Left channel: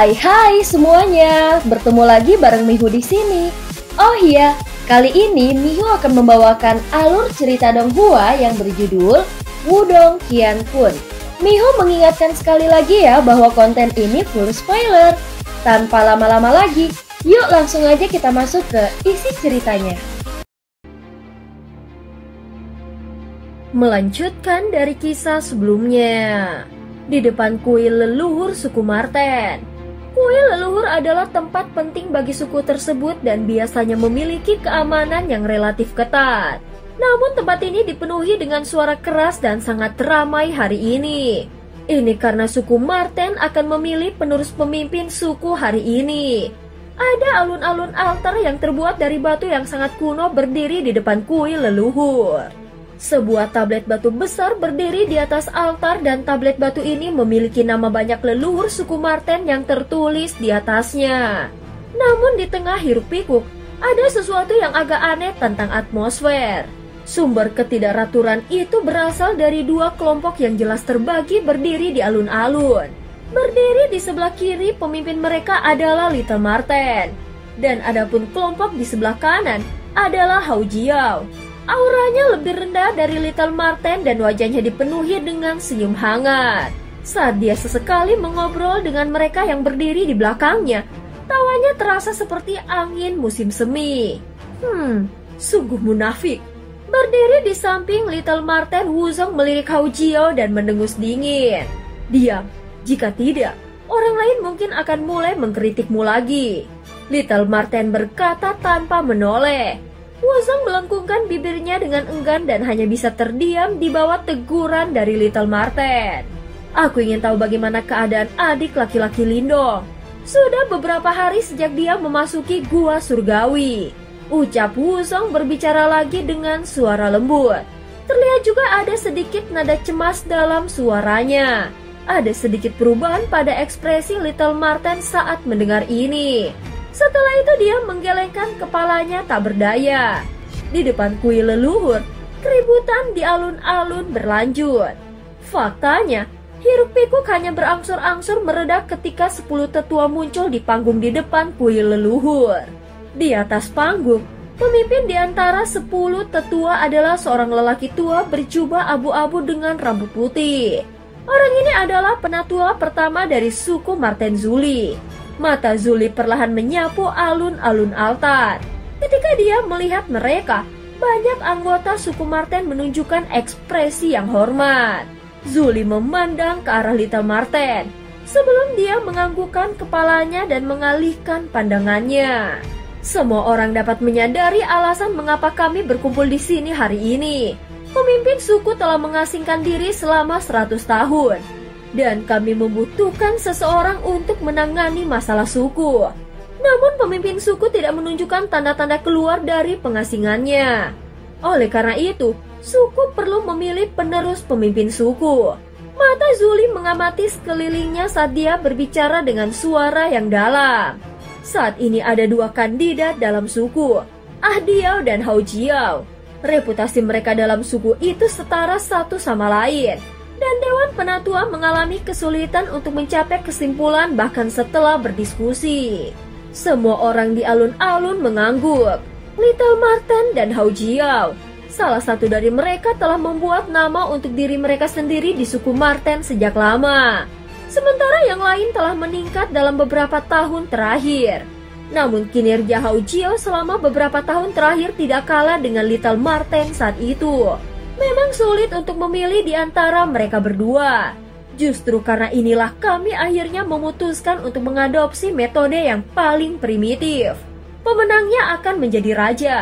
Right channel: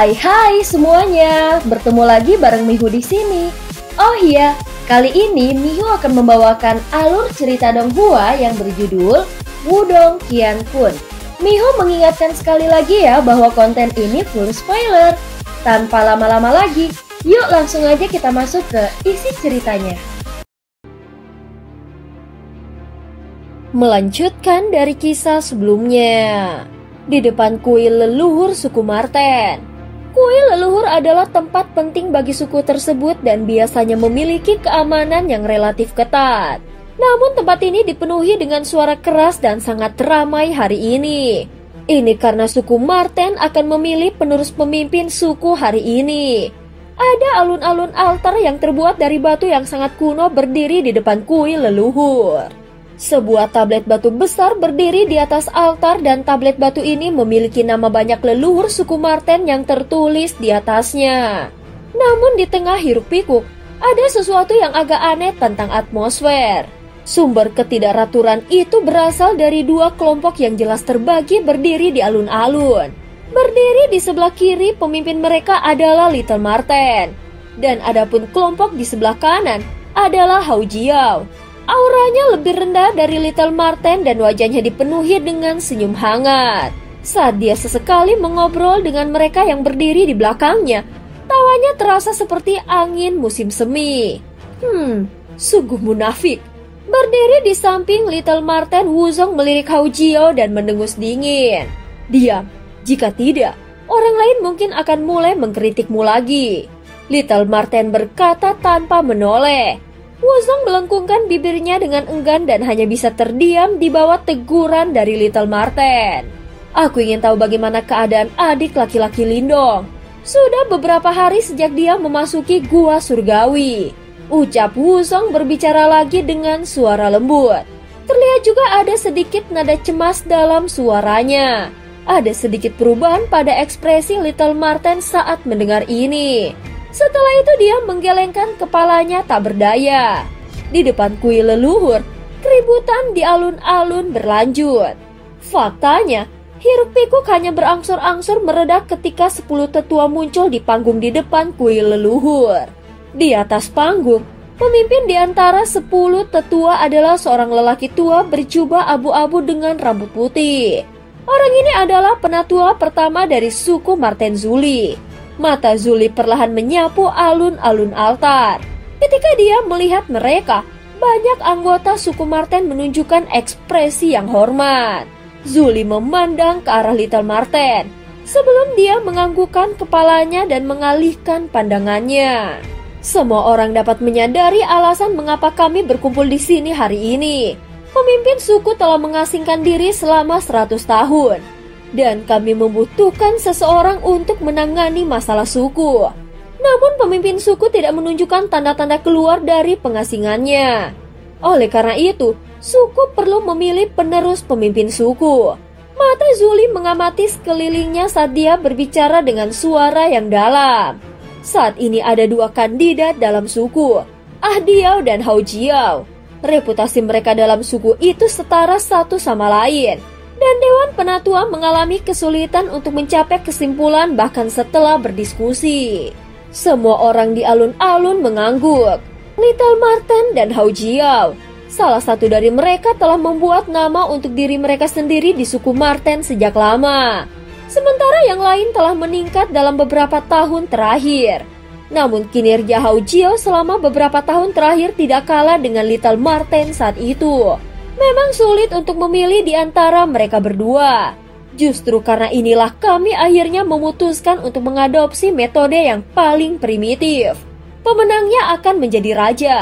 Hai semuanya, bertemu lagi bareng Mihu di sini. Oh iya, kali ini Mihu akan membawakan alur cerita Donghua yang berjudul Wudong Qiankun. Mihu mengingatkan sekali lagi ya bahwa konten ini full spoiler. Tanpa lama-lama lagi, yuk langsung aja kita masuk ke isi ceritanya. Melanjutkan dari kisah sebelumnya. Di depan kuil leluhur suku Marten. Kuil leluhur adalah tempat penting bagi suku tersebut dan biasanya memiliki keamanan yang relatif ketat. Namun tempat ini dipenuhi dengan suara keras dan sangat ramai hari ini. Ini karena suku Marten akan memilih penerus pemimpin suku hari ini. Ada alun-alun altar yang terbuat dari batu yang sangat kuno berdiri di depan kuil leluhur. Sebuah tablet batu besar berdiri di atas altar dan tablet batu ini memiliki nama banyak leluhur suku Marten yang tertulis di atasnya. Namun di tengah hiruk-pikuk, ada sesuatu yang agak aneh tentang atmosfer. Sumber ketidakraturan itu berasal dari dua kelompok yang jelas terbagi berdiri di alun-alun. Berdiri di sebelah kiri pemimpin mereka adalah Little Marten. Dan adapun kelompok di sebelah kanan adalah Hao Jiao. Auranya lebih rendah dari Little Marten dan wajahnya dipenuhi dengan senyum hangat. Saat dia sesekali mengobrol dengan mereka yang berdiri di belakangnya, tawanya terasa seperti angin musim semi. Sungguh munafik. Berdiri di samping Little Marten, Wuzong melirik Hao Jiao dan mendengus dingin. Diam, jika tidak, orang lain mungkin akan mulai mengkritikmu lagi. Little Marten berkata tanpa menoleh. Wuzong melengkungkan bibirnya dengan enggan dan hanya bisa terdiam di bawah teguran dari Little Marten. Aku ingin tahu bagaimana keadaan adik laki-laki Lindong. Sudah beberapa hari sejak dia memasuki gua surgawi. Ucap Wuzong berbicara lagi dengan suara lembut. Terlihat juga ada sedikit nada cemas dalam suaranya. Ada sedikit perubahan pada ekspresi Little Marten saat mendengar ini. Setelah itu dia menggelengkan kepalanya tak berdaya. Di depan kuil leluhur, keributan di alun-alun berlanjut. Faktanya, hiruk-pikuk hanya berangsur-angsur mereda ketika 10 tetua muncul di panggung di depan kuil leluhur. Di atas panggung, pemimpin di antara 10 tetua adalah seorang lelaki tua berjubah abu-abu dengan rambut putih. Orang ini adalah penatua pertama dari suku Marten Zuli. Mata Zuli perlahan menyapu alun-alun altar. Ketika dia melihat mereka, banyak anggota suku Marten menunjukkan ekspresi yang hormat. Zuli memandang ke arah Little Marten sebelum dia menganggukkan kepalanya dan mengalihkan pandangannya. Semua orang dapat menyadari alasan mengapa kami berkumpul di sini hari ini. Pemimpin suku telah mengasingkan diri selama 100 tahun. Dan kami membutuhkan seseorang untuk menangani masalah suku. Namun pemimpin suku tidak menunjukkan tanda-tanda keluar dari pengasingannya. Oleh karena itu, suku perlu memilih penerus pemimpin suku. Mata Zuli mengamati sekelilingnya saat dia berbicara dengan suara yang dalam. Saat ini ada 2 kandidat dalam suku, Ah Diao dan Hao Jiao. Reputasi mereka dalam suku itu setara satu sama lain. Dan Dewan Penatua mengalami kesulitan untuk mencapai kesimpulan bahkan setelah berdiskusi. Semua orang di alun-alun mengangguk. Little Marten dan Hao Jiao, salah satu dari mereka telah membuat nama untuk diri mereka sendiri di suku Marten sejak lama. Sementara yang lain telah meningkat dalam beberapa tahun terakhir. Namun kinerja Hao Jiao selama beberapa tahun terakhir tidak kalah dengan Little Marten saat itu. Memang sulit untuk memilih di antara mereka berdua. Justru karena inilah kami akhirnya memutuskan untuk mengadopsi metode yang paling primitif. Pemenangnya akan menjadi raja.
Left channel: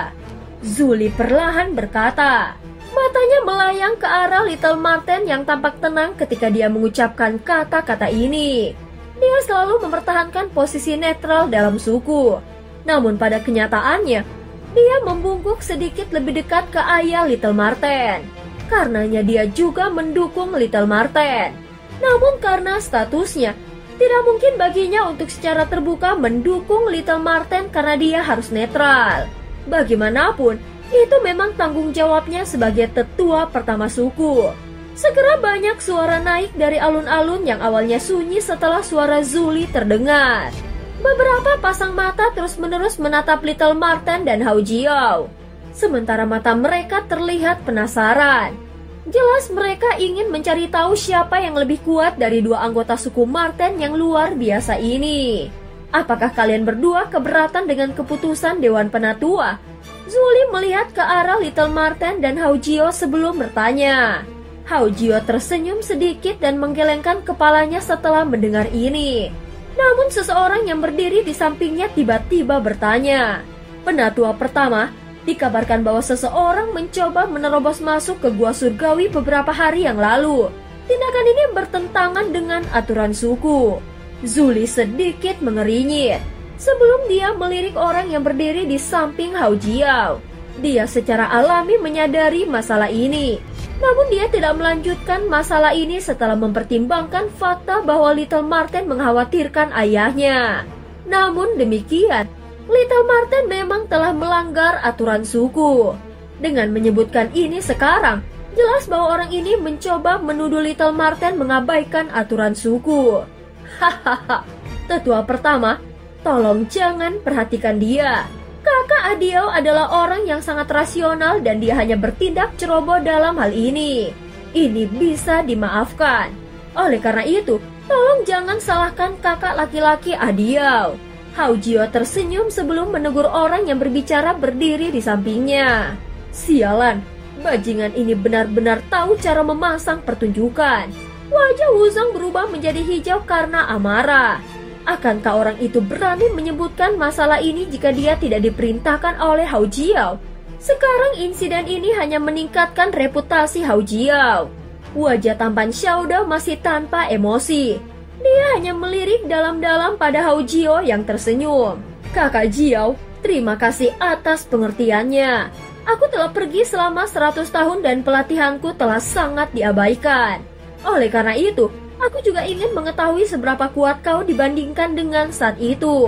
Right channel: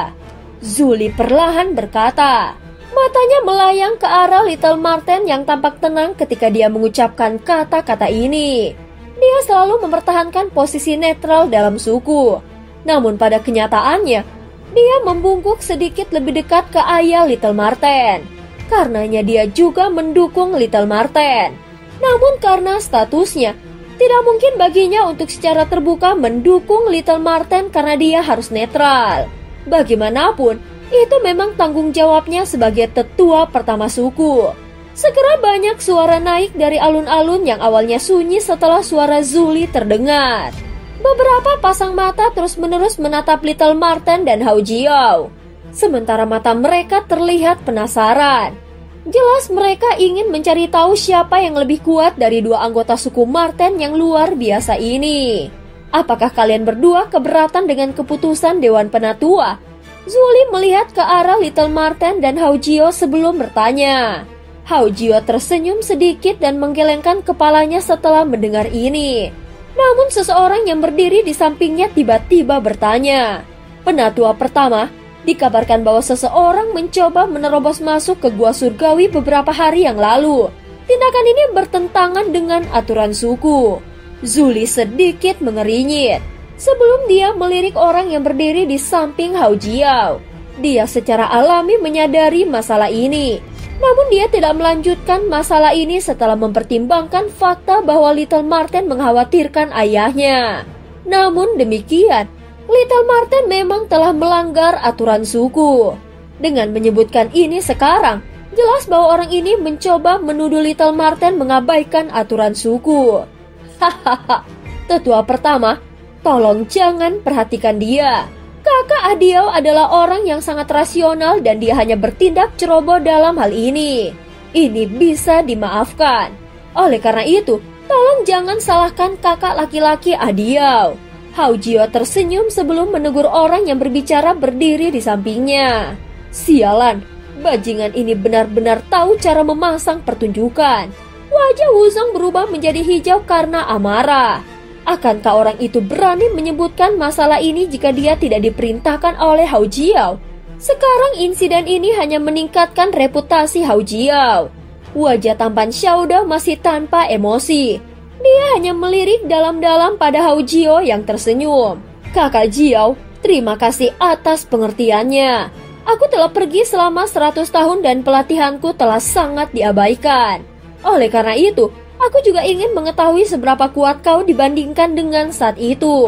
Zuli perlahan berkata. Matanya melayang ke arah Little Marten yang tampak tenang ketika dia mengucapkan kata-kata ini. Dia selalu mempertahankan posisi netral dalam suku. Namun pada kenyataannya, dia membungkuk sedikit lebih dekat ke ayah Little Marten. Karenanya dia juga mendukung Little Marten. Namun karena statusnya, tidak mungkin baginya untuk secara terbuka mendukung Little Marten karena dia harus netral. Bagaimanapun, itu memang tanggung jawabnya sebagai tetua pertama suku. Segera banyak suara naik dari alun-alun yang awalnya sunyi setelah suara Zuli terdengar. Beberapa pasang mata terus-menerus menatap Little Marten dan Hao Jiao. Sementara mata mereka terlihat penasaran. Jelas mereka ingin mencari tahu siapa yang lebih kuat dari dua anggota suku Marten yang luar biasa ini. Apakah kalian berdua keberatan dengan keputusan Dewan Penatua? Zuli melihat ke arah Little Marten dan Hao Jiao sebelum bertanya. Hao Jiao tersenyum sedikit dan menggelengkan kepalanya setelah mendengar ini. Namun seseorang yang berdiri di sampingnya tiba-tiba bertanya. Penatua pertama, dikabarkan bahwa seseorang mencoba menerobos masuk ke gua surgawi beberapa hari yang lalu. Tindakan ini bertentangan dengan aturan suku. Zuli sedikit mengerinyit sebelum dia melirik orang yang berdiri di samping Hao Jiao. Dia secara alami menyadari masalah ini. Namun dia tidak melanjutkan masalah ini setelah mempertimbangkan fakta bahwa Little Marten mengkhawatirkan ayahnya. Namun demikian, Little Marten memang telah melanggar aturan suku. Dengan menyebutkan ini sekarang, jelas bahwa orang ini mencoba menuduh Little Marten mengabaikan aturan suku. Hahaha, tetua pertama, tolong jangan perhatikan dia. Kakak Adiao adalah orang yang sangat rasional dan dia hanya bertindak ceroboh dalam hal ini. Ini bisa dimaafkan. Oleh karena itu, tolong jangan salahkan kakak laki-laki Adiao. Hao Jiao tersenyum sebelum menegur orang yang berbicara berdiri di sampingnya. Sialan, bajingan ini benar-benar tahu cara memasang pertunjukan. Wajah Wuzong berubah menjadi hijau karena amarah. Akankah orang itu berani menyebutkan masalah ini jika dia tidak diperintahkan oleh Hao Jiao? Sekarang insiden ini hanya meningkatkan reputasi Hao Jiao. Wajah tampan Xiaodao masih tanpa emosi. Dia hanya melirik dalam-dalam pada Hao Jiao yang tersenyum. Kakak Jiao, terima kasih atas pengertiannya. Aku telah pergi selama 100 tahun dan pelatihanku telah sangat diabaikan. Oleh karena itu, aku juga ingin mengetahui seberapa kuat kau dibandingkan dengan saat itu.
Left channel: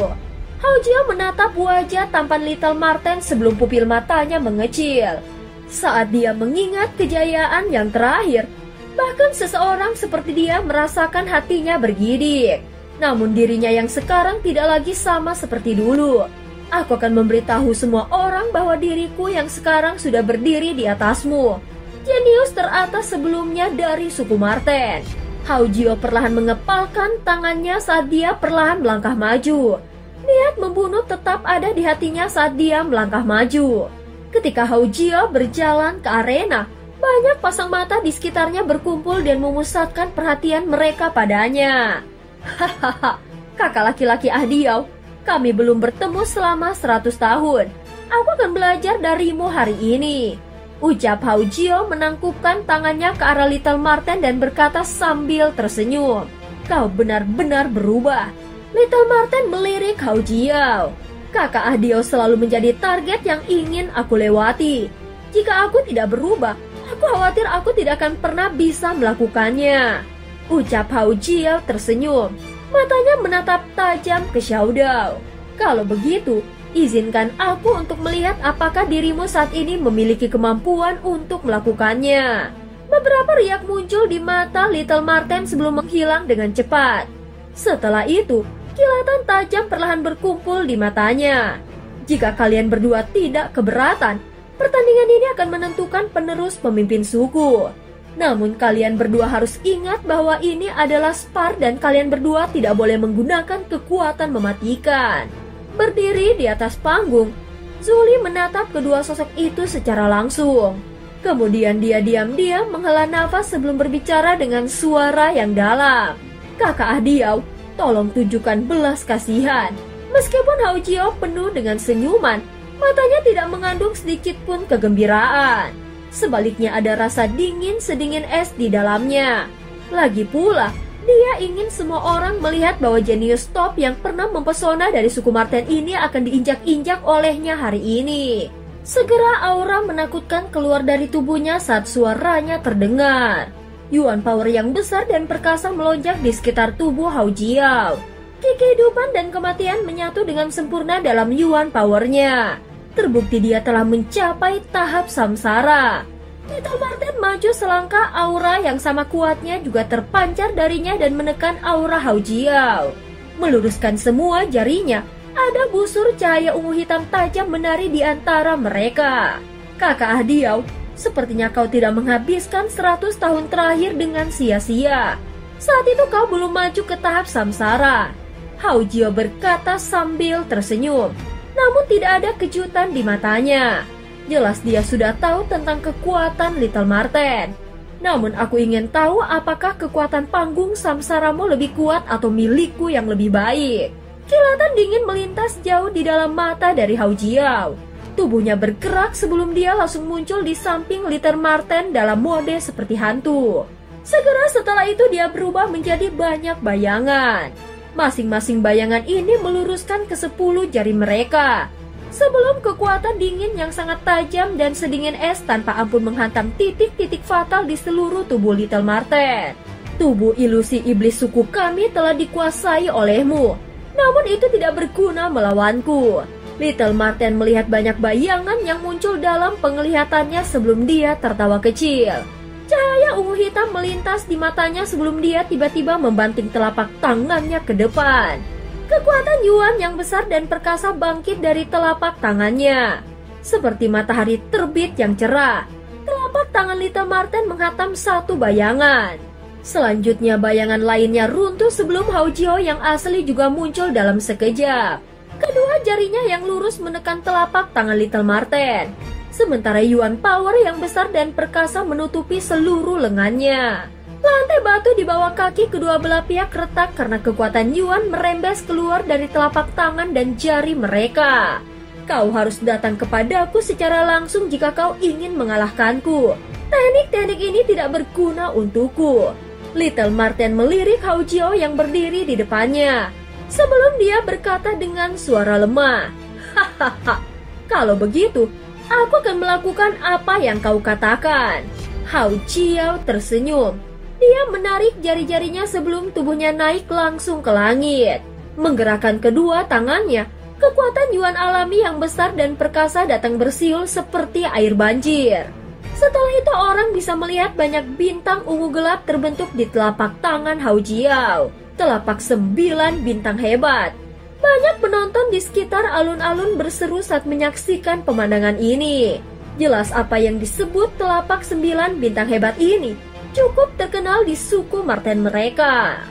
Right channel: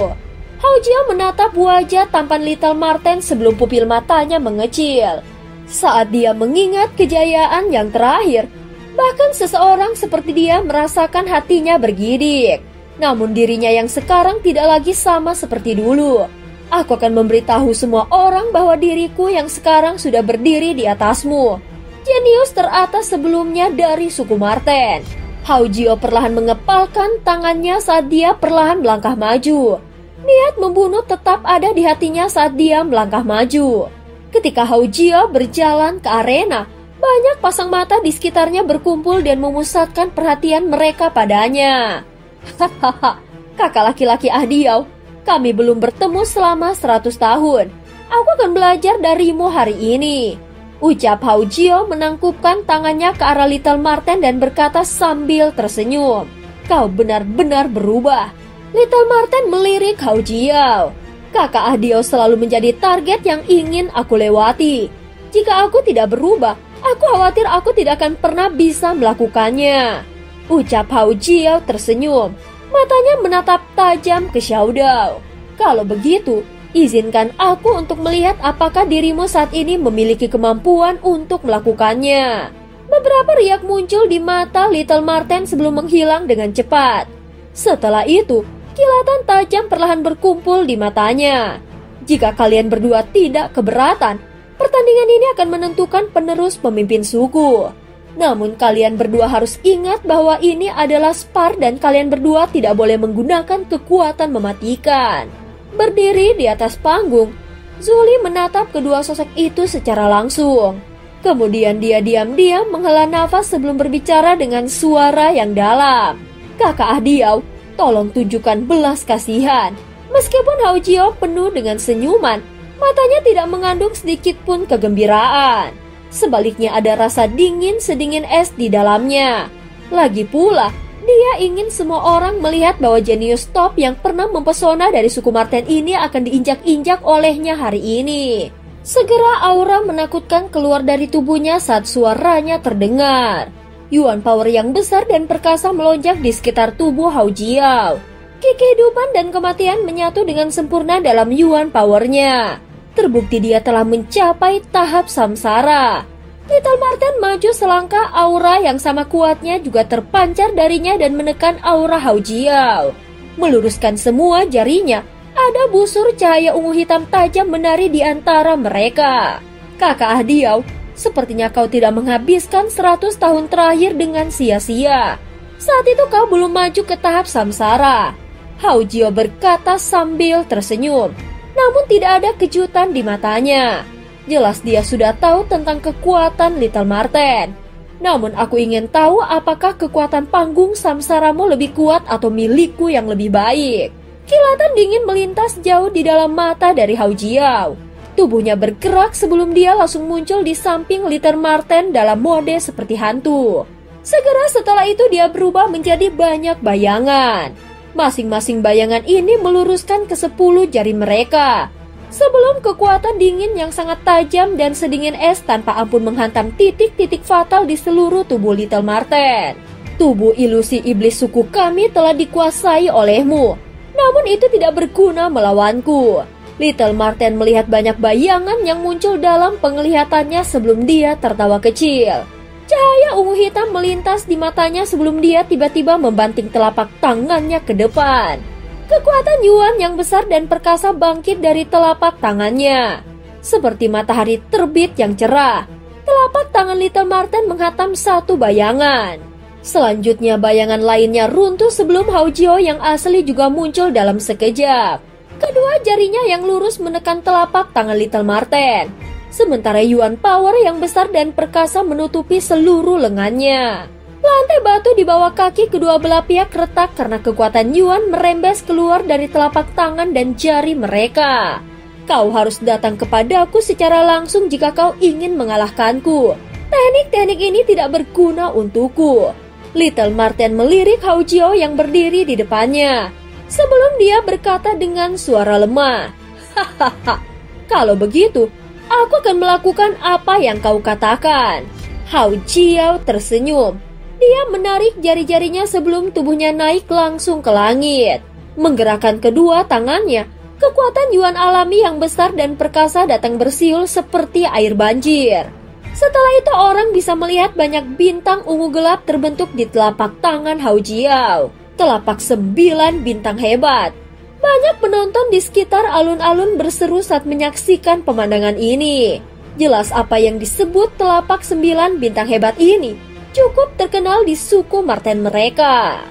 Hao Jiao menatap wajah tampan Little Marten sebelum pupil matanya mengecil. Saat dia mengingat kejayaan yang terakhir, bahkan seseorang seperti dia merasakan hatinya bergidik. Namun dirinya yang sekarang tidak lagi sama seperti dulu. Aku akan memberitahu semua orang bahwa diriku yang sekarang sudah berdiri di atasmu. Jenius teratas sebelumnya dari suku Marten. Hao Jiao perlahan mengepalkan tangannya saat dia perlahan melangkah maju. Niat membunuh tetap ada di hatinya saat dia melangkah maju. Ketika Hao Jiao berjalan ke arena, banyak pasang mata di sekitarnya berkumpul dan memusatkan perhatian mereka padanya. Hahaha, kakak laki-laki Adiao, kami belum bertemu selama 100 tahun. Aku akan belajar darimu hari ini. Ucap Hao Jiao menangkupkan tangannya ke arah Little Marten dan berkata sambil tersenyum. Kau benar-benar berubah. Little Marten melirik Hao Jiao. Kakak Adiao selalu menjadi target yang ingin aku lewati. Jika aku tidak berubah, aku khawatir aku tidak akan pernah bisa melakukannya. Ucap Hao Jiao tersenyum. Matanya menatap tajam ke Xiaodao. Kalau begitu, izinkan aku untuk melihat apakah dirimu saat ini memiliki kemampuan untuk melakukannya. Beberapa riak muncul di mata Little Marten sebelum menghilang dengan cepat. Setelah itu, kilatan tajam perlahan berkumpul di matanya. Jika kalian berdua tidak keberatan, pertandingan ini akan menentukan penerus pemimpin suku. Namun kalian berdua harus ingat bahwa ini adalah spar dan kalian berdua tidak boleh menggunakan kekuatan mematikan. Berdiri di atas panggung, Zuli menatap kedua sosok itu secara langsung. Kemudian dia diam-diam menghela nafas sebelum berbicara dengan suara yang dalam. Kakak Adiao, tolong tunjukkan belas kasihan. Meskipun Hao Jiao penuh dengan senyuman, matanya tidak mengandung sedikit pun kegembiraan. Sebaliknya ada rasa dingin sedingin es di dalamnya. Lagi pula, dia ingin semua orang melihat bahwa jenius top yang pernah mempesona dari suku Marten ini akan diinjak-injak olehnya hari ini. Segera aura menakutkan keluar dari tubuhnya saat suaranya terdengar. Yuan power yang besar dan perkasa melonjak di sekitar tubuh Hao Jiao. Kehidupan dan kematian menyatu dengan sempurna dalam Yuan powernya. Terbukti dia telah mencapai tahap samsara. Little Marten maju selangkah, aura yang sama kuatnya juga terpancar darinya dan menekan aura Hao Jiao. Meluruskan semua jarinya, ada busur cahaya ungu hitam tajam menari di antara mereka. Kakak Ahdiau, sepertinya kau tidak menghabiskan 100 tahun terakhir dengan sia-sia. Saat itu kau belum maju ke tahap samsara. Hao Jiao berkata sambil tersenyum, namun tidak ada kejutan di matanya. Jelas dia sudah tahu tentang kekuatan Little Marten. Namun aku ingin tahu apakah kekuatan panggung samsaramu lebih kuat atau milikku yang lebih baik. Kilatan dingin melintas jauh di dalam mata dari Hao Jiao. Tubuhnya bergerak sebelum dia langsung muncul di samping Little Marten dalam mode seperti hantu. Segera setelah itu dia berubah menjadi banyak bayangan. Masing-masing bayangan ini meluruskan ke 10 jari mereka. Sebelum kekuatan dingin yang sangat tajam dan sedingin es tanpa ampun menghantam titik-titik fatal di seluruh tubuh Little Marten. Tubuh ilusi iblis suku kami telah dikuasai olehmu. Namun itu tidak berguna melawanku. Little Marten melihat banyak bayangan yang muncul dalam penglihatannya sebelum dia tertawa kecil. Cahaya ungu hitam melintas di matanya sebelum dia tiba-tiba membanting telapak tangannya ke depan. Kekuatan Yuan yang besar dan perkasa bangkit dari telapak tangannya. Seperti matahari terbit yang cerah, telapak tangan Little Marten menghantam satu bayangan. Selanjutnya bayangan lainnya runtuh sebelum Hao Jiao yang asli juga muncul dalam sekejap. Kedua jarinya yang lurus menekan telapak tangan Little Marten. Sementara Yuan Power yang besar dan perkasa menutupi seluruh lengannya. Lantai batu di bawah kaki kedua belah pihak retak karena kekuatan Yuan merembes keluar dari telapak tangan dan jari mereka. Kau harus datang kepadaku secara langsung jika kau ingin mengalahkanku. Teknik-teknik ini tidak berguna untukku. Little Marten melirik Hao Jiao yang berdiri di depannya. Sebelum dia berkata dengan suara lemah, "Hahaha, kalau begitu, aku akan melakukan apa yang kau katakan." Hao Jiao tersenyum. Dia menarik jari-jarinya sebelum tubuhnya naik langsung ke langit. Menggerakkan kedua tangannya, kekuatan Yuan alami yang besar dan perkasa datang bersiul seperti air banjir. Setelah itu orang bisa melihat banyak bintang ungu gelap terbentuk di telapak tangan Hao Jiao. Telapak 9 bintang hebat. Banyak penonton di sekitar alun-alun berseru saat menyaksikan pemandangan ini. Jelas apa yang disebut telapak 9 bintang hebat ini cukup terkenal di suku Marten mereka.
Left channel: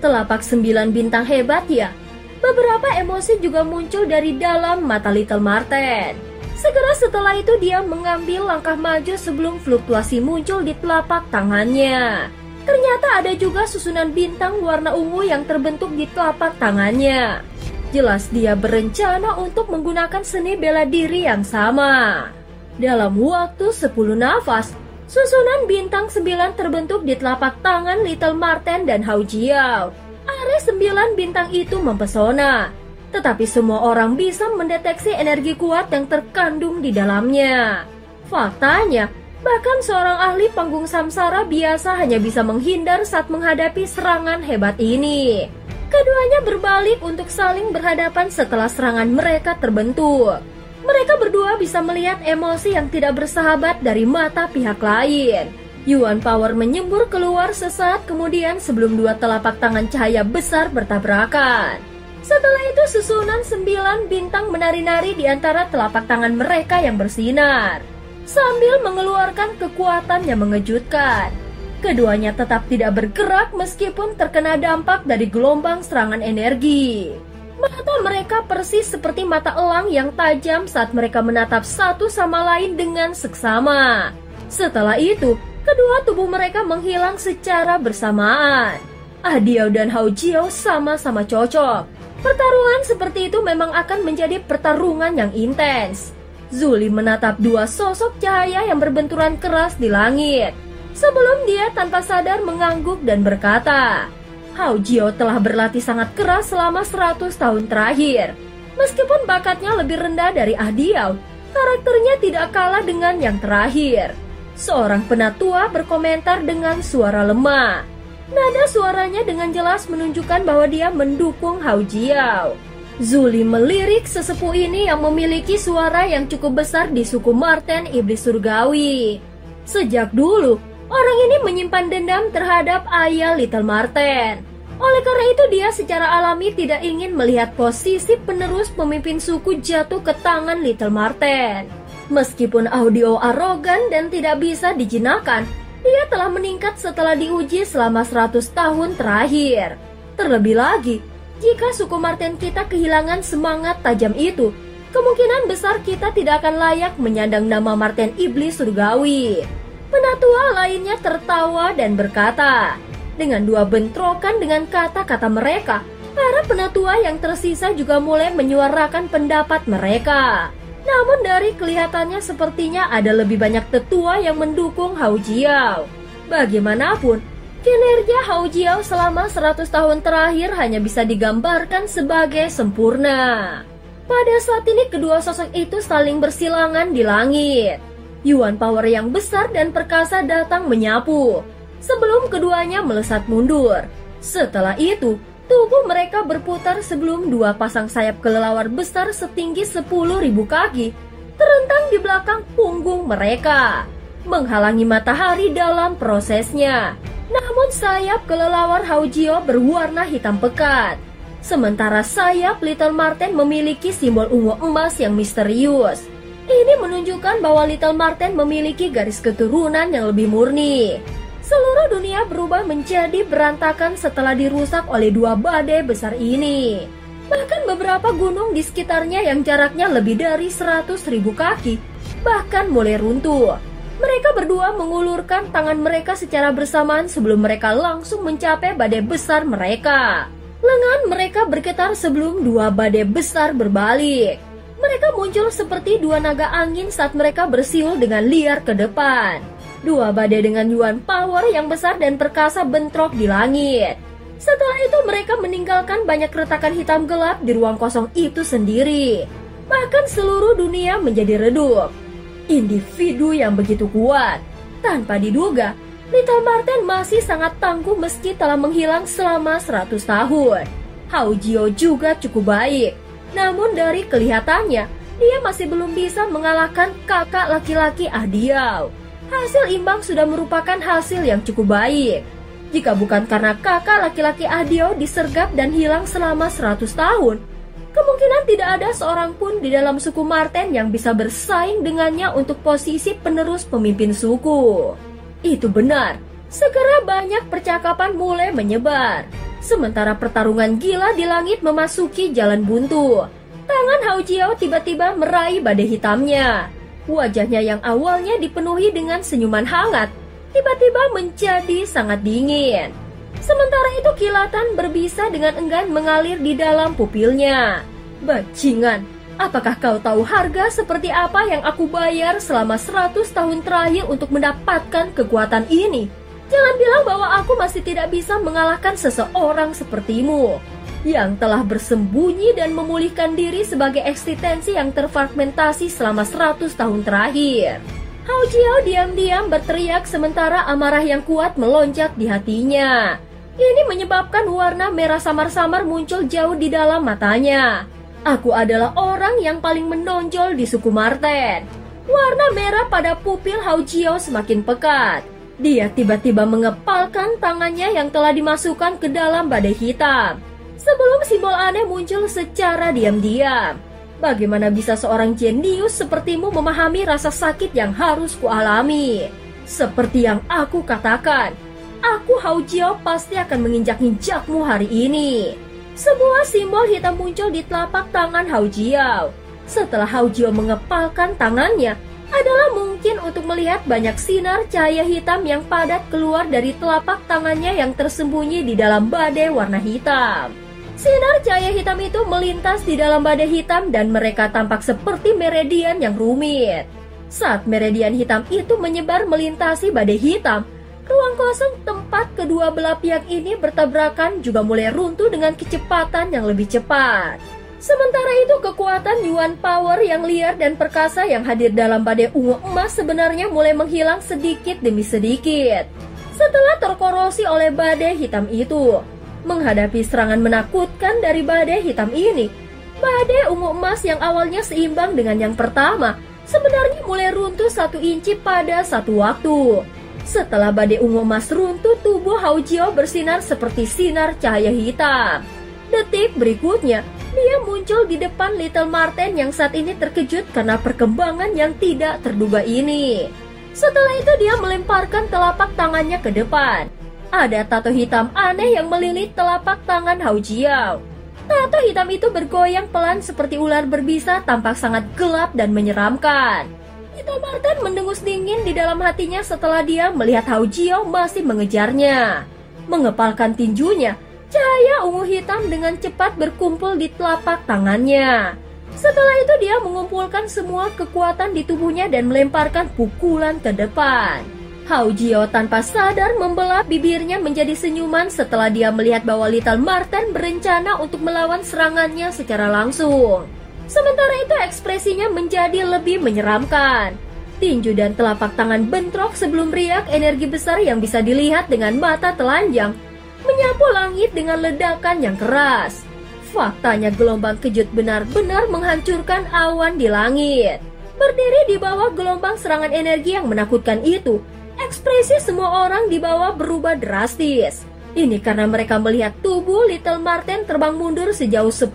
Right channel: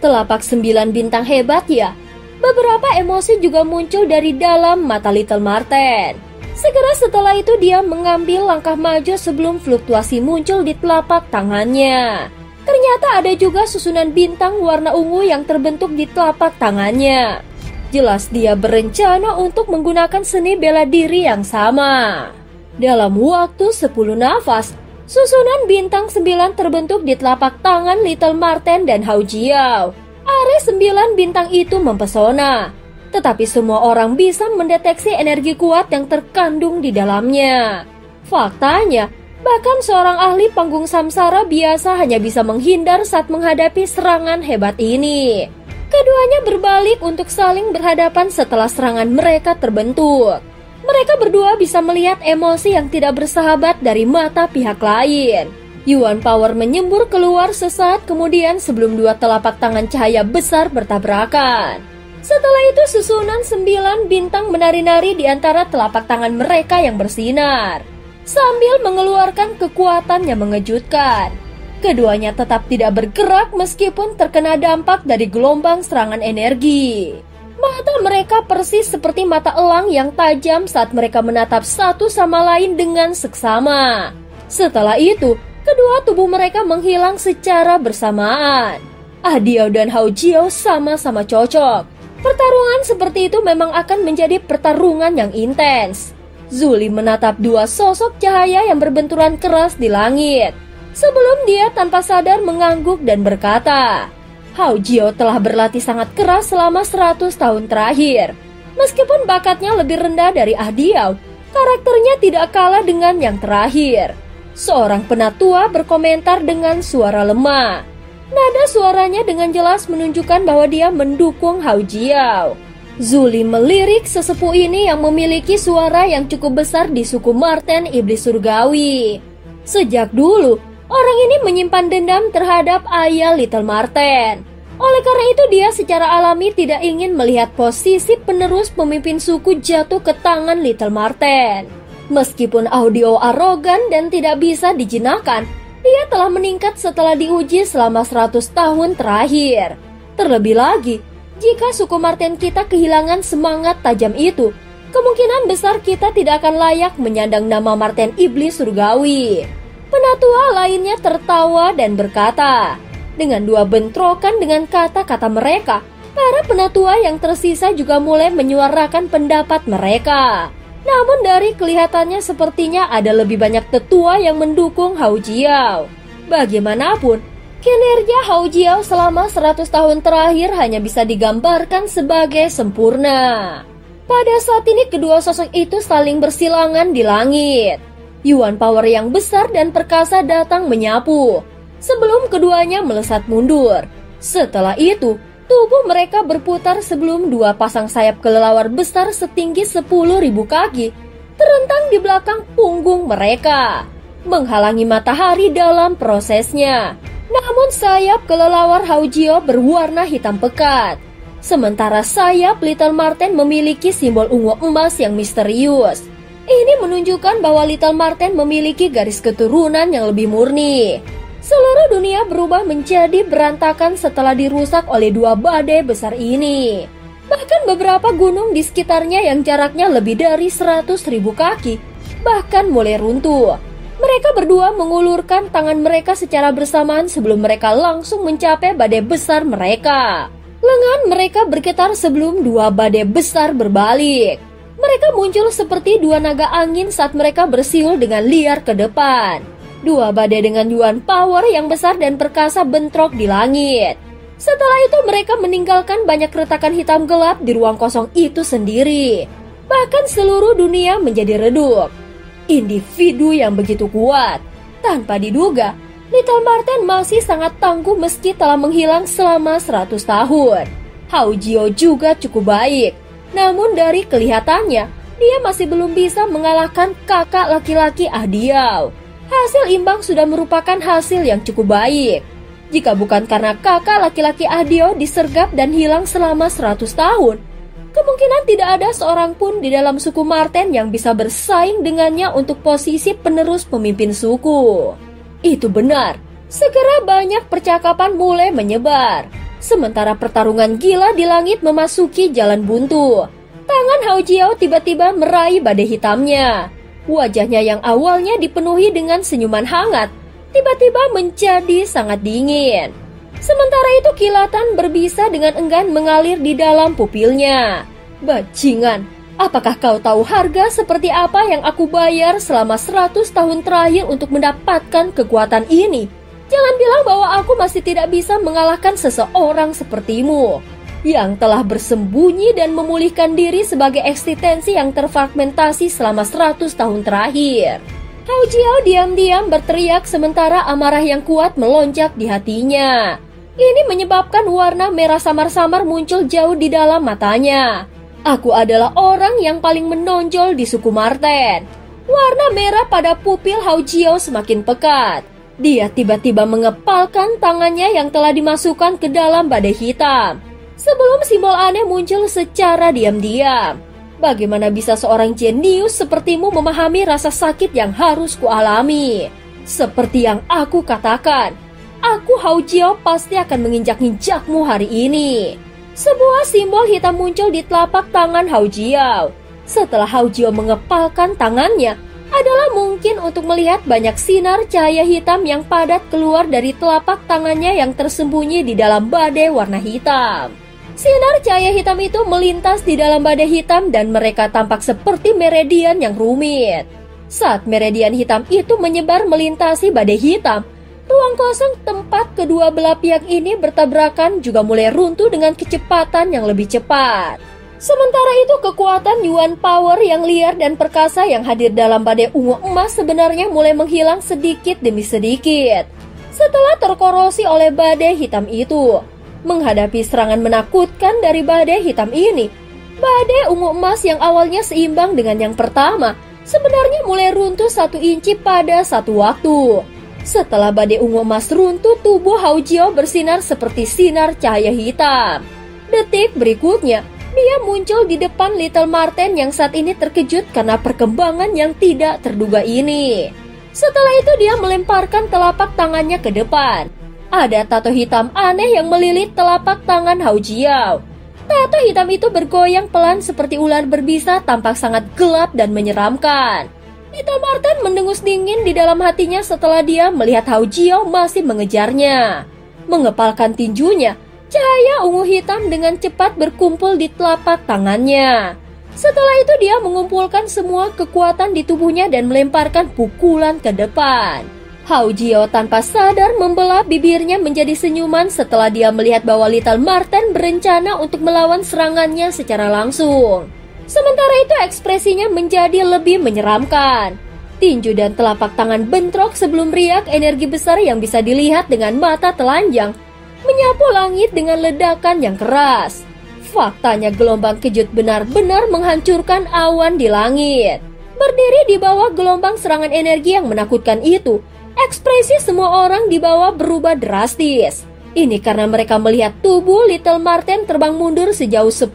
Telapak 9 bintang hebat ya? Beberapa emosi juga muncul dari dalam mata Little Marten. Segera setelah itu dia mengambil langkah maju sebelum fluktuasi muncul di telapak tangannya. Ternyata ada juga susunan bintang warna ungu yang terbentuk di telapak tangannya. Jelas dia berencana untuk menggunakan seni bela diri yang sama. Dalam waktu 10 nafas, susunan bintang 9 terbentuk di telapak tangan Little Marten dan Hao Jiao. Area 9 bintang itu mempesona, tetapi semua orang bisa mendeteksi energi kuat yang terkandung di dalamnya. Faktanya, bahkan seorang ahli panggung samsara biasa hanya bisa menghindar saat menghadapi serangan hebat ini. Keduanya berbalik untuk saling berhadapan setelah serangan mereka terbentuk. Mereka berdua bisa melihat emosi yang tidak bersahabat dari mata pihak lain. Yuan Power menyembur keluar sesaat kemudian sebelum dua telapak tangan cahaya besar bertabrakan. Setelah itu susunan 9 bintang menari-nari di antara telapak tangan mereka yang bersinar. Sambil mengeluarkan kekuatan yang mengejutkan. Keduanya tetap tidak bergerak meskipun terkena dampak dari gelombang serangan energi. Mata mereka persis seperti mata elang yang tajam saat mereka menatap satu sama lain dengan seksama. Setelah itu, kedua tubuh mereka menghilang secara bersamaan. Ahdiau dan Hao Jiao sama-sama cocok. Pertarungan seperti itu memang akan menjadi pertarungan yang intens. Zuli menatap dua sosok cahaya yang berbenturan keras di langit. Sebelum dia tanpa sadar mengangguk dan berkata, Hao Jiao telah berlatih sangat keras selama 100 tahun terakhir. Meskipun bakatnya lebih rendah dari Ahdiau, karakternya tidak kalah dengan yang terakhir. Seorang penatua berkomentar dengan suara lemah. Nada suaranya dengan jelas menunjukkan bahwa dia mendukung Hao Jiao. Zuli melirik sesepuh ini yang memiliki suara yang cukup besar di suku Marten Iblis Surgawi. Sejak dulu, orang ini menyimpan dendam terhadap ayah Little Marten. Oleh karena itu dia secara alami tidak ingin melihat posisi penerus pemimpin suku jatuh ke tangan Little Marten. Meskipun audio arogan dan tidak bisa dijinakkan, dia telah meningkat setelah diuji selama 100 tahun terakhir. Terlebih lagi, jika suku Marten kita kehilangan semangat tajam itu, kemungkinan besar kita tidak akan layak menyandang nama Marten Iblis Surgawi. Penatua lainnya tertawa dan berkata, dengan dua bentrokan dengan kata-kata mereka, para penatua yang tersisa juga mulai menyuarakan pendapat mereka. Namun dari kelihatannya sepertinya ada lebih banyak tetua yang mendukung Hao Jiao. Bagaimanapun, kinerja Hao Jiao selama 100 tahun terakhir hanya bisa digambarkan sebagai sempurna. Pada saat ini kedua sosok itu saling bersilangan di langit. Yuan Power yang besar dan perkasa datang menyapu, sebelum keduanya melesat mundur. Setelah itu, tubuh mereka berputar sebelum dua pasang sayap kelelawar besar setinggi 10.000 kaki terentang di belakang punggung mereka, menghalangi matahari dalam prosesnya. Namun sayap kelelawar Hao Jiao berwarna hitam pekat, sementara sayap Little Marten memiliki simbol ungu emas yang misterius. Ini menunjukkan bahwa Little Marten memiliki garis keturunan yang lebih murni. Seluruh dunia berubah menjadi berantakan setelah dirusak oleh dua badai besar ini. Bahkan beberapa gunung di sekitarnya yang jaraknya lebih dari 100.000 kaki bahkan mulai runtuh. Mereka berdua mengulurkan tangan mereka secara bersamaan sebelum mereka langsung mencapai badai besar mereka. Lengan mereka bergetar sebelum dua badai besar berbalik. Mereka muncul seperti dua naga angin saat mereka bersiul dengan liar ke depan. Dua badai dengan Yuan Power yang besar dan perkasa bentrok di langit. Setelah itu mereka meninggalkan banyak retakan hitam gelap di ruang kosong itu sendiri. Bahkan seluruh dunia menjadi redup. Individu yang begitu kuat. Tanpa diduga, Little Marten masih sangat tangguh meski telah menghilang selama 100 tahun. Hao Jiao juga cukup baik. Namun dari kelihatannya, dia masih belum bisa mengalahkan kakak laki-laki Diao. Hasil imbang sudah merupakan hasil yang cukup baik. Jika bukan karena kakak laki-laki Diao disergap dan hilang selama 100 tahun, kemungkinan tidak ada seorang pun di dalam suku Marten yang bisa bersaing dengannya untuk posisi penerus pemimpin suku. Itu benar, segera banyak percakapan mulai menyebar. Sementara pertarungan gila di langit memasuki jalan buntu, tangan Hao Jiao tiba-tiba meraih badai hitamnya. Wajahnya yang awalnya dipenuhi dengan senyuman hangat, tiba-tiba menjadi sangat dingin. Sementara itu kilatan berbisa dengan enggan mengalir di dalam pupilnya. Bajingan, apakah kau tahu harga seperti apa yang aku bayar selama 100 tahun terakhir untuk mendapatkan kekuatan ini? Jangan bilang bahwa aku masih tidak bisa mengalahkan seseorang sepertimu yang telah bersembunyi dan memulihkan diri sebagai eksistensi yang terfragmentasi selama 100 tahun terakhir. Hao Jiao diam-diam berteriak sementara amarah yang kuat melonjak di hatinya. Ini menyebabkan warna merah samar-samar muncul jauh di dalam matanya. Aku adalah orang yang paling menonjol di suku Marten. Warna merah pada pupil Hao Jiao semakin pekat. Dia tiba-tiba mengepalkan tangannya yang telah dimasukkan ke dalam badai hitam. Sebelum simbol aneh muncul secara diam-diam. Bagaimana bisa seorang jenius sepertimu memahami rasa sakit yang harus kualami? Seperti yang aku katakan, aku Hao Jiao pasti akan menginjak-injakmu hari ini. Sebuah simbol hitam muncul di telapak tangan Hao Jiao. Setelah Hao Jiao mengepalkan tangannya, adalah mungkin untuk melihat banyak sinar cahaya hitam yang padat keluar dari telapak tangannya yang tersembunyi di dalam badai warna hitam. Sinar cahaya hitam itu melintas di dalam badai hitam dan mereka tampak seperti meridian yang rumit. Saat meridian hitam itu menyebar melintasi badai hitam, ruang kosong tempat kedua belah pihak ini bertabrakan juga mulai runtuh dengan kecepatan yang lebih cepat. Sementara itu kekuatan Yuan Power yang liar dan perkasa yang hadir dalam badai ungu emas sebenarnya mulai menghilang sedikit demi sedikit. Setelah terkorosi oleh badai hitam itu, menghadapi serangan menakutkan dari badai hitam ini, Badai ungu emas yang awalnya seimbang dengan yang pertama sebenarnya mulai runtuh 1 inci pada satu waktu. Setelah badai ungu emas runtuh, tubuh Hao Jiao bersinar seperti sinar cahaya hitam. Detik berikutnya, dia muncul di depan Little Marten yang saat ini terkejut karena perkembangan yang tidak terduga ini. Setelah itu dia melemparkan telapak tangannya ke depan. Ada tato hitam aneh yang melilit telapak tangan Hao Jiao. Tato hitam itu bergoyang pelan seperti ular berbisa, tampak sangat gelap dan menyeramkan. Little Marten mendengus dingin di dalam hatinya setelah dia melihat Hao Jiao masih mengejarnya. Mengepalkan tinjunya, cahaya ungu hitam dengan cepat berkumpul di telapak tangannya. Setelah itu dia mengumpulkan semua kekuatan di tubuhnya dan melemparkan pukulan ke depan. Hao Jiao tanpa sadar membelah bibirnya menjadi senyuman setelah dia melihat bahwa Little Marten berencana untuk melawan serangannya secara langsung. Sementara itu ekspresinya menjadi lebih menyeramkan. Tinju dan telapak tangan bentrok sebelum riak energi besar yang bisa dilihat dengan mata telanjang menyapu langit dengan ledakan yang keras. Faktanya gelombang kejut benar-benar menghancurkan awan di langit. Berdiri di bawah gelombang serangan energi yang menakutkan itu, ekspresi semua orang di bawah berubah drastis. Ini karena mereka melihat tubuh Little Marten terbang mundur sejauh 10.000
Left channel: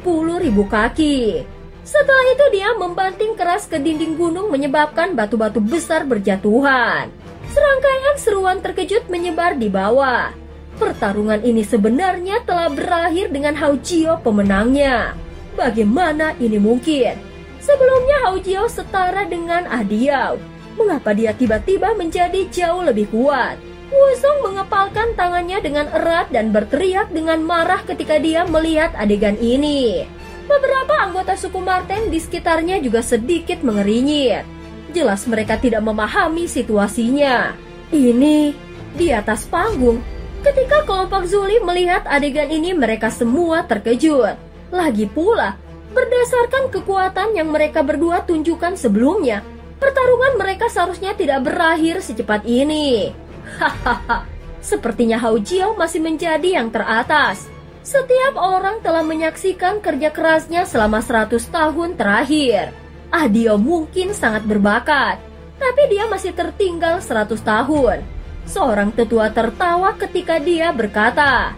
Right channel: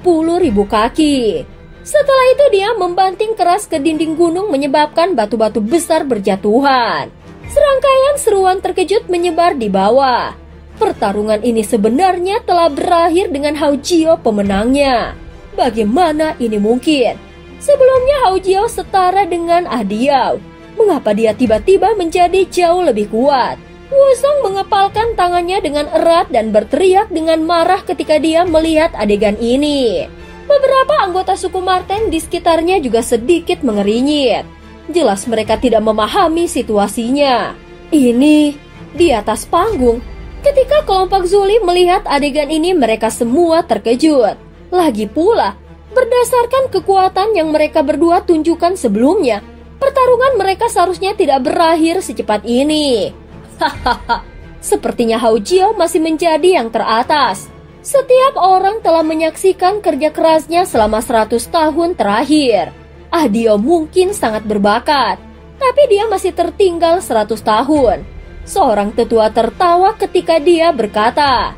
kaki. Setelah itu dia membanting keras ke dinding gunung menyebabkan batu-batu besar berjatuhan. Serangkaian seruan terkejut menyebar di bawah. Pertarungan ini sebenarnya telah berakhir dengan Hao Jiao pemenangnya. Bagaimana ini mungkin? Sebelumnya Hao Jiao setara dengan Diao. Mengapa dia tiba-tiba menjadi jauh lebih kuat? Wusong mengepalkan tangannya dengan erat dan berteriak dengan marah ketika dia melihat adegan ini. Beberapa anggota suku Marten di sekitarnya juga sedikit mengerinyit. Jelas mereka tidak memahami situasinya. Ini di atas panggung. Ketika kelompok Zuli melihat adegan ini, mereka semua terkejut. Lagi pula, berdasarkan kekuatan yang mereka berdua tunjukkan sebelumnya, pertarungan mereka seharusnya tidak berakhir secepat ini. Hahaha, sepertinya Hao Jiao masih menjadi yang teratas. Setiap orang telah menyaksikan kerja kerasnya selama 100 tahun terakhir. Diao mungkin sangat berbakat, tapi dia masih tertinggal 100 tahun. Seorang tetua tertawa ketika dia berkata,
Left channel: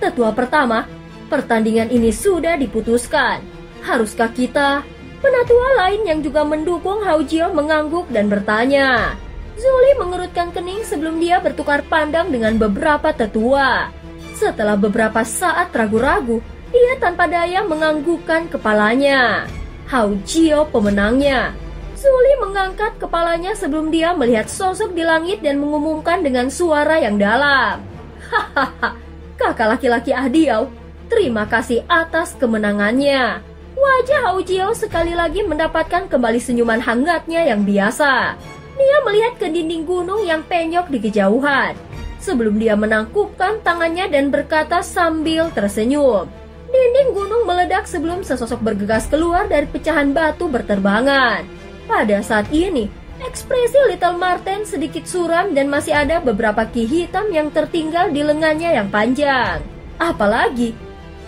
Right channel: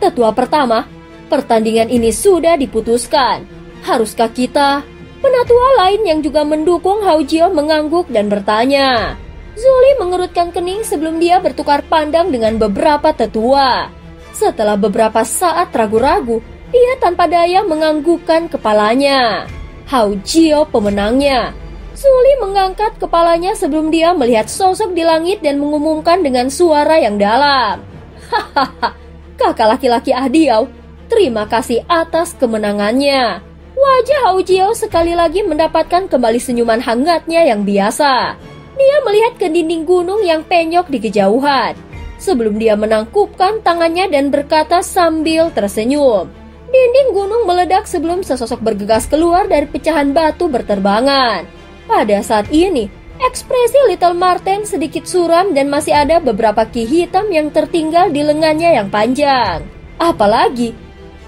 tetua pertama, pertandingan ini sudah diputuskan. Haruskah kita? Penatua lain yang juga mendukung Hao Jiao mengangguk dan bertanya. Zuli mengerutkan kening sebelum dia bertukar pandang dengan beberapa tetua. Setelah beberapa saat ragu-ragu, dia tanpa daya menganggukkan kepalanya. Hao Jiao pemenangnya. Zuli mengangkat kepalanya sebelum dia melihat sosok di langit dan mengumumkan dengan suara yang dalam. Hahaha, kakak laki-laki Diao, terima kasih atas kemenangannya. Wajah Hao Jiao sekali lagi mendapatkan kembali senyuman hangatnya yang biasa. Dia melihat ke dinding gunung yang penyok di kejauhan. Sebelum dia menangkupkan tangannya dan berkata sambil tersenyum. Dinding gunung meledak sebelum sesosok bergegas keluar dari pecahan batu berterbangan. Pada saat ini, ekspresi Little Marten sedikit suram dan masih ada beberapa ki hitam yang tertinggal di lengannya yang panjang. Apalagi,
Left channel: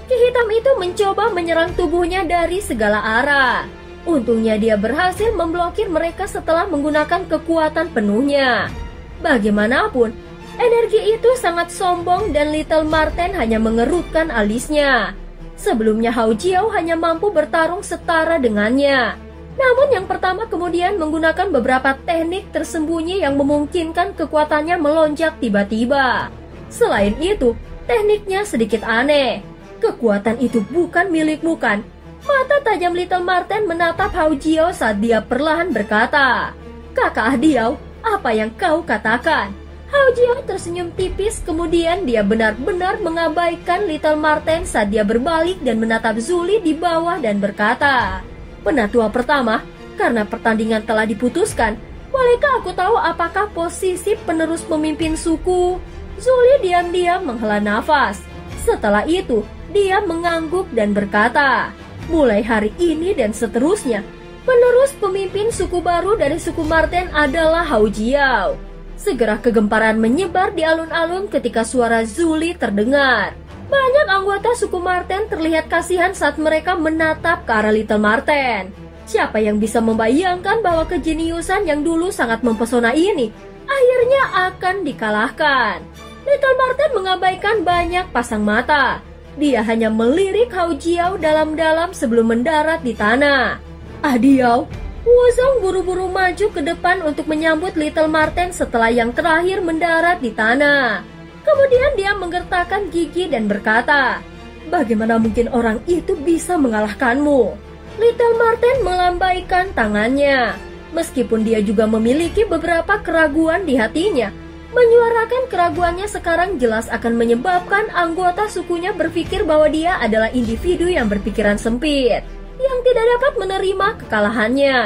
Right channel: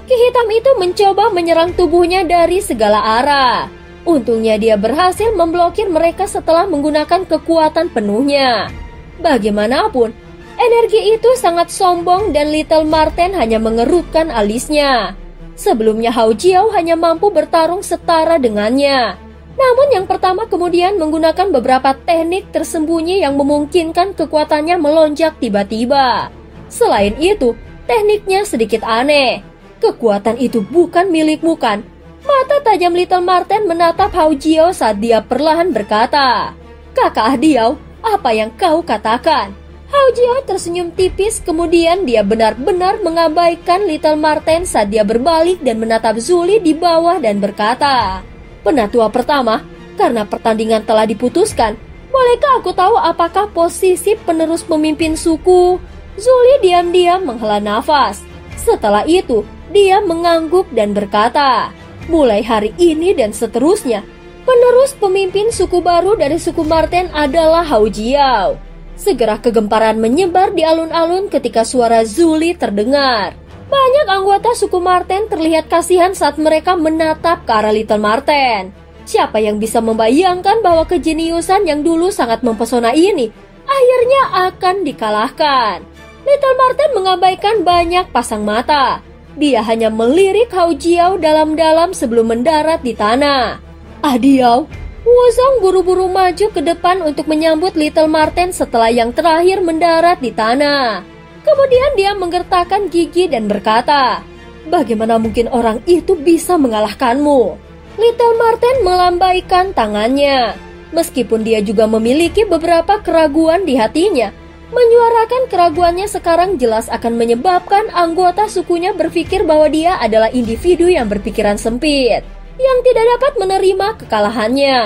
ki hitam itu mencoba menyerang tubuhnya dari segala arah. Untungnya dia berhasil memblokir mereka setelah menggunakan kekuatan penuhnya. Bagaimanapun, energi itu sangat sombong dan Little Marten hanya mengerutkan alisnya. Sebelumnya Hao Jiao hanya mampu bertarung setara dengannya. Namun yang pertama kemudian menggunakan beberapa teknik tersembunyi yang memungkinkan kekuatannya melonjak tiba-tiba. Selain itu, tekniknya sedikit aneh. Kekuatan itu bukan milikmu kan? Mata tajam Little Marten menatap Hao Jiao saat dia perlahan berkata, Kakak Diao, apa yang kau katakan? Hao Jiao tersenyum tipis, kemudian dia benar-benar mengabaikan Little Marten saat dia berbalik dan menatap Zuli di bawah dan berkata, Penatua pertama, karena pertandingan telah diputuskan, bolehkah aku tahu apakah posisi penerus pemimpin suku? Zuli diam-diam menghela nafas. Setelah itu, dia mengangguk dan berkata, mulai hari ini dan seterusnya, penerus pemimpin suku baru dari suku Marten adalah Hao Jiao. Segera kegemparan menyebar di alun-alun ketika suara Zuli terdengar. Banyak anggota suku Marten terlihat kasihan saat mereka menatap ke arah Little Marten. Siapa yang bisa membayangkan bahwa kejeniusan yang dulu sangat mempesona ini akhirnya akan dikalahkan. Little Marten mengabaikan banyak pasang mata. Dia hanya melirik Hao Jiao dalam-dalam sebelum mendarat di tanah. Diao, Wuzong buru-buru maju ke depan untuk menyambut Little Marten setelah yang terakhir mendarat di tanah. Kemudian dia menggertakkan gigi dan berkata, "Bagaimana mungkin orang itu bisa mengalahkanmu?" Little Marten melambaikan tangannya. Meskipun dia juga memiliki beberapa keraguan di hatinya, menyuarakan keraguannya sekarang jelas akan menyebabkan anggota sukunya berpikir bahwa dia adalah individu yang berpikiran sempit, yang tidak dapat menerima kekalahannya.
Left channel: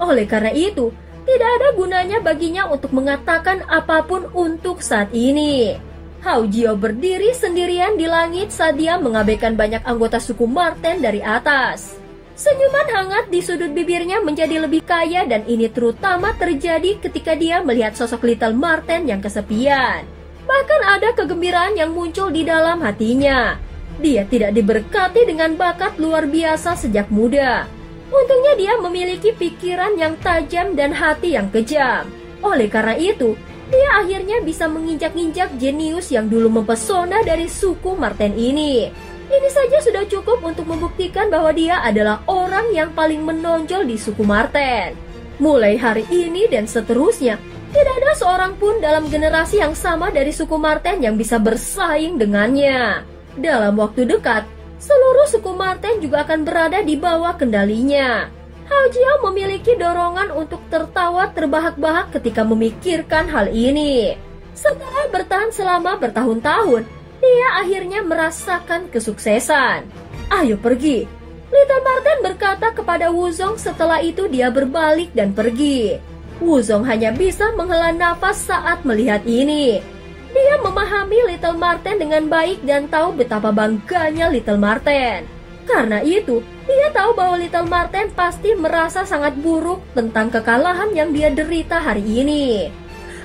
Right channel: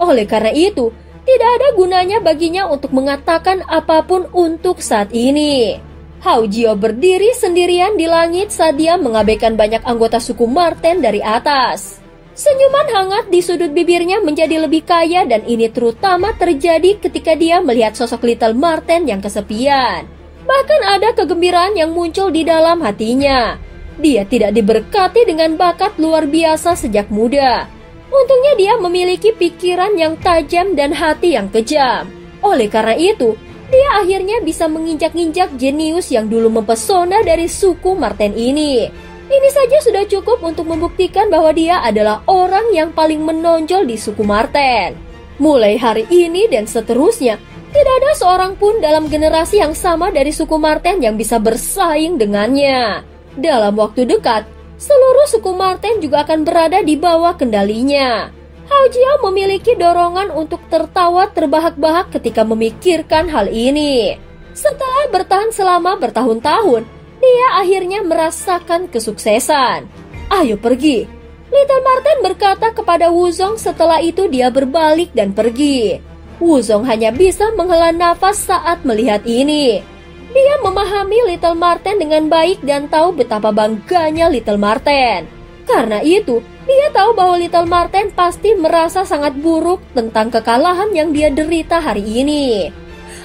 Oleh karena itu, tidak ada gunanya baginya untuk mengatakan apapun untuk saat ini. Hao Jiao berdiri sendirian di langit saat dia mengabaikan banyak anggota suku Marten dari atas. Senyuman hangat di sudut bibirnya menjadi lebih kaya dan ini terutama terjadi ketika dia melihat sosok Little Marten yang kesepian. Bahkan ada kegembiraan yang muncul di dalam hatinya. Dia tidak diberkati dengan bakat luar biasa sejak muda. Untungnya dia memiliki pikiran yang tajam dan hati yang kejam. Oleh karena itu, dia akhirnya bisa menginjak-injak jenius yang dulu mempesona dari suku Marten ini. Ini saja sudah cukup untuk membuktikan bahwa dia adalah orang yang paling menonjol di suku Marten. Mulai hari ini dan seterusnya, tidak ada seorang pun dalam generasi yang sama dari suku Marten yang bisa bersaing dengannya. Dalam waktu dekat, seluruh suku Marten juga akan berada di bawah kendalinya. Hao Jiao memiliki dorongan untuk tertawa terbahak-bahak ketika memikirkan hal ini. Setelah bertahan selama bertahun-tahun, dia akhirnya merasakan kesuksesan. "Ayo pergi," Little Marten berkata kepada Wuzong. Setelah itu dia berbalik dan pergi. Wuzong hanya bisa menghela nafas saat melihat ini. Dia memahami Little Marten dengan baik dan tahu betapa bangganya Little Marten. Karena itu, dia tahu bahwa Little Marten pasti merasa sangat buruk tentang kekalahan yang dia derita hari ini.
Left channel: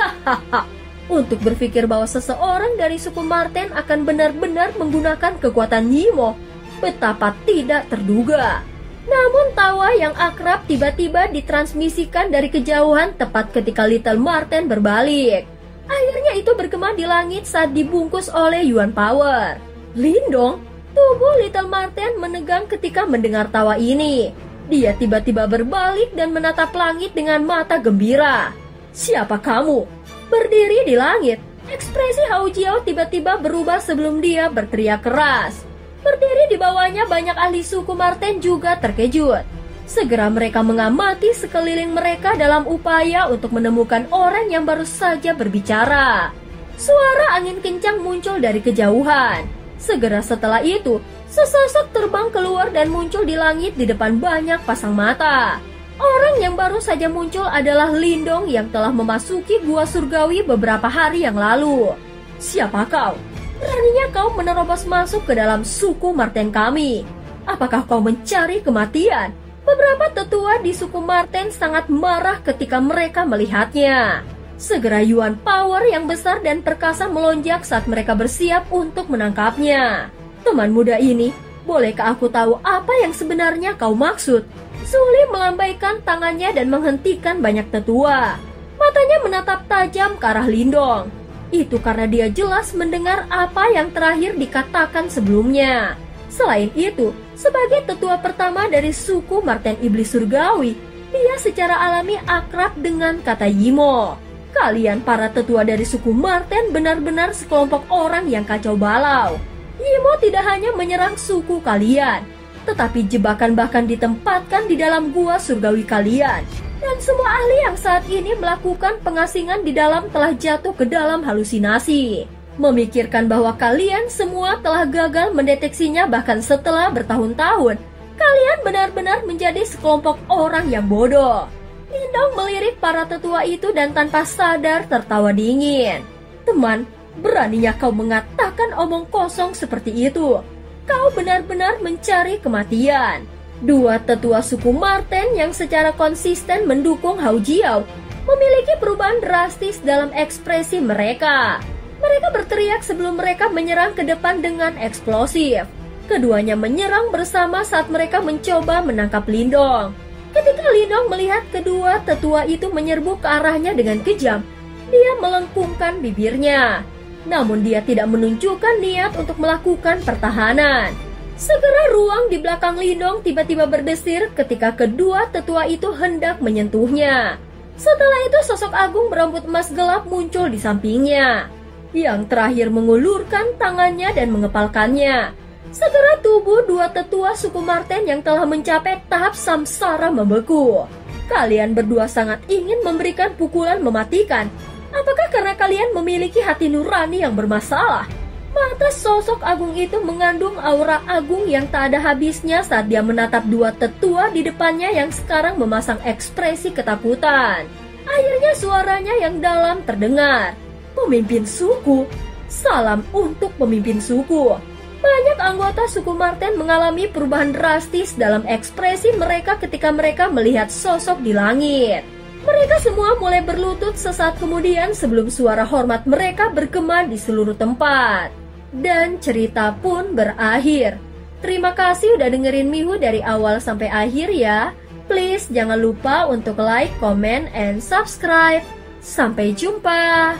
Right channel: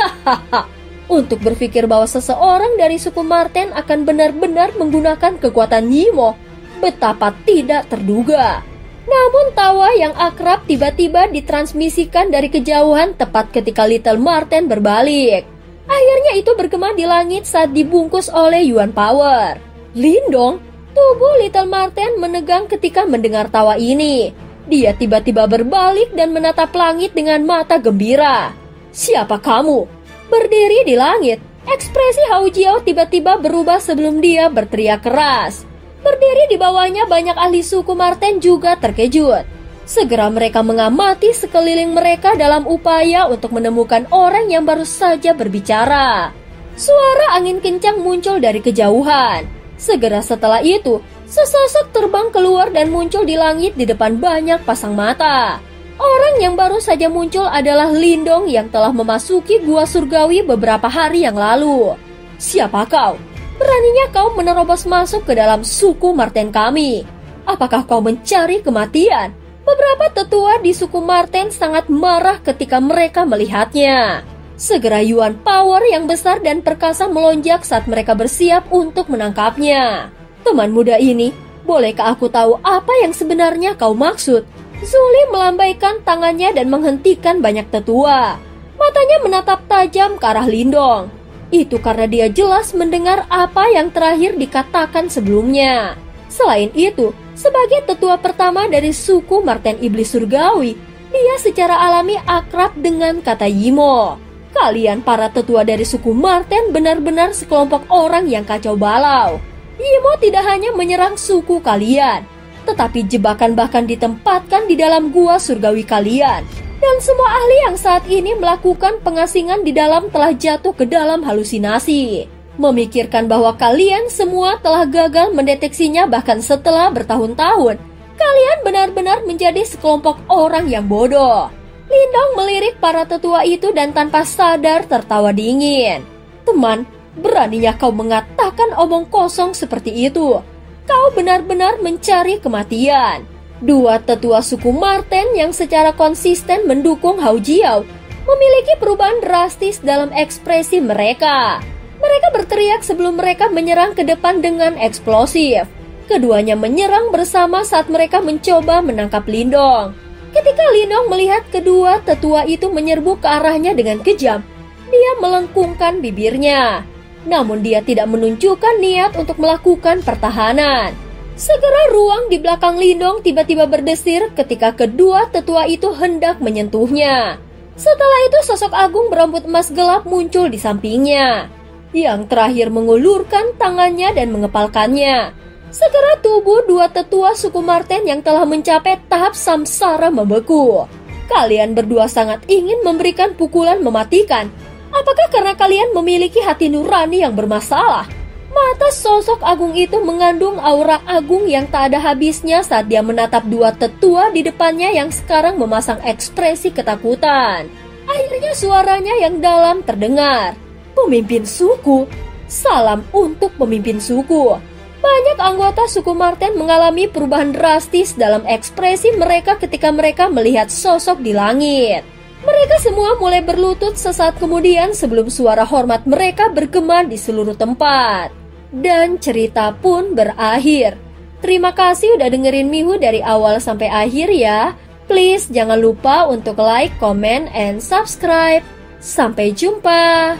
Hahaha. Untuk berpikir bahwa seseorang dari suku Marten akan benar-benar menggunakan kekuatan Nyimo, betapa tidak terduga. Namun tawa yang akrab tiba-tiba ditransmisikan dari kejauhan tepat ketika Little Marten berbalik. Akhirnya itu bergema di langit saat dibungkus oleh Yuan Power. "Lindong!" Tubuh Little Marten menegang ketika mendengar tawa ini. Dia tiba-tiba berbalik dan menatap langit dengan mata gembira. "Siapa kamu?" Berdiri di langit, ekspresi Hao Jiao tiba-tiba berubah sebelum dia berteriak keras. Berdiri di bawahnya banyak ahli suku Marten juga terkejut. Segera mereka mengamati sekeliling mereka dalam upaya untuk menemukan orang yang baru saja berbicara. Suara angin kencang muncul dari kejauhan. Segera setelah itu, sesosok terbang keluar dan muncul di langit di depan banyak pasang mata. Orang yang baru saja muncul adalah Lindong yang telah memasuki gua surgawi beberapa hari yang lalu. "Siapa kau? Beraninya kau menerobos masuk ke dalam suku Marten kami? Apakah kau mencari kematian?" Beberapa tetua di suku Marten sangat marah ketika mereka melihatnya. Segera Yuan Power yang besar dan perkasa melonjak saat mereka bersiap untuk menangkapnya. "Teman muda ini, bolehkah aku tahu apa yang sebenarnya kau maksud?" Zuli melambaikan tangannya dan menghentikan banyak tetua. Matanya menatap tajam ke arah Lindong. Itu karena dia jelas mendengar apa yang terakhir dikatakan sebelumnya. Selain itu, sebagai tetua pertama dari suku Marten Iblis Surgawi, dia secara alami akrab dengan kata Yimo. Kalian para tetua dari suku Marten benar-benar sekelompok orang yang kacau balau. Yimo tidak hanya menyerang suku kalian, tetapi jebakan bahkan ditempatkan di dalam gua surgawi kalian. Dan semua ahli yang saat ini melakukan pengasingan di dalam telah jatuh ke dalam halusinasi. Memikirkan bahwa kalian semua telah gagal mendeteksinya bahkan setelah bertahun-tahun. Kalian benar-benar menjadi sekelompok orang yang bodoh. Lindong melirik para tetua itu dan tanpa sadar tertawa dingin. "Teman, beraninya kau mengatakan omong kosong seperti itu. Kau benar-benar mencari kematian." Dua tetua suku Marten yang secara konsisten mendukung Hao Jiao memiliki perubahan drastis dalam ekspresi mereka. Mereka berteriak sebelum mereka menyerang ke depan dengan eksplosif. Keduanya menyerang bersama saat mereka mencoba menangkap Lindong. Ketika Lindong melihat kedua tetua itu menyerbu ke arahnya dengan kejam, dia melengkungkan bibirnya. Namun dia tidak menunjukkan niat untuk melakukan pertahanan. Segera ruang di belakang Lindong tiba-tiba berdesir ketika kedua tetua itu hendak menyentuhnya. Setelah itu sosok agung berambut emas gelap muncul di sampingnya. Yang terakhir mengulurkan tangannya dan mengepalkannya. Segera tubuh dua tetua suku Marten yang telah mencapai tahap samsara membeku. Kalian berdua sangat ingin memberikan pukulan mematikan. Apakah karena kalian memiliki hati nurani yang bermasalah? Mata sosok agung itu mengandung aura agung yang tak ada habisnya saat dia menatap dua tetua di depannya yang sekarang memasang ekspresi ketakutan. Akhirnya suaranya yang dalam terdengar. Pemimpin suku, salam untuk pemimpin suku. Banyak anggota suku Marten mengalami perubahan drastis dalam ekspresi mereka ketika mereka melihat sosok di langit. Mereka semua mulai berlutut sesaat kemudian sebelum suara hormat mereka bergema di seluruh tempat. Dan cerita pun berakhir. Terima kasih udah dengerin Mihu dari awal sampai akhir ya. Please jangan lupa untuk like, comment, and subscribe. Sampai jumpa.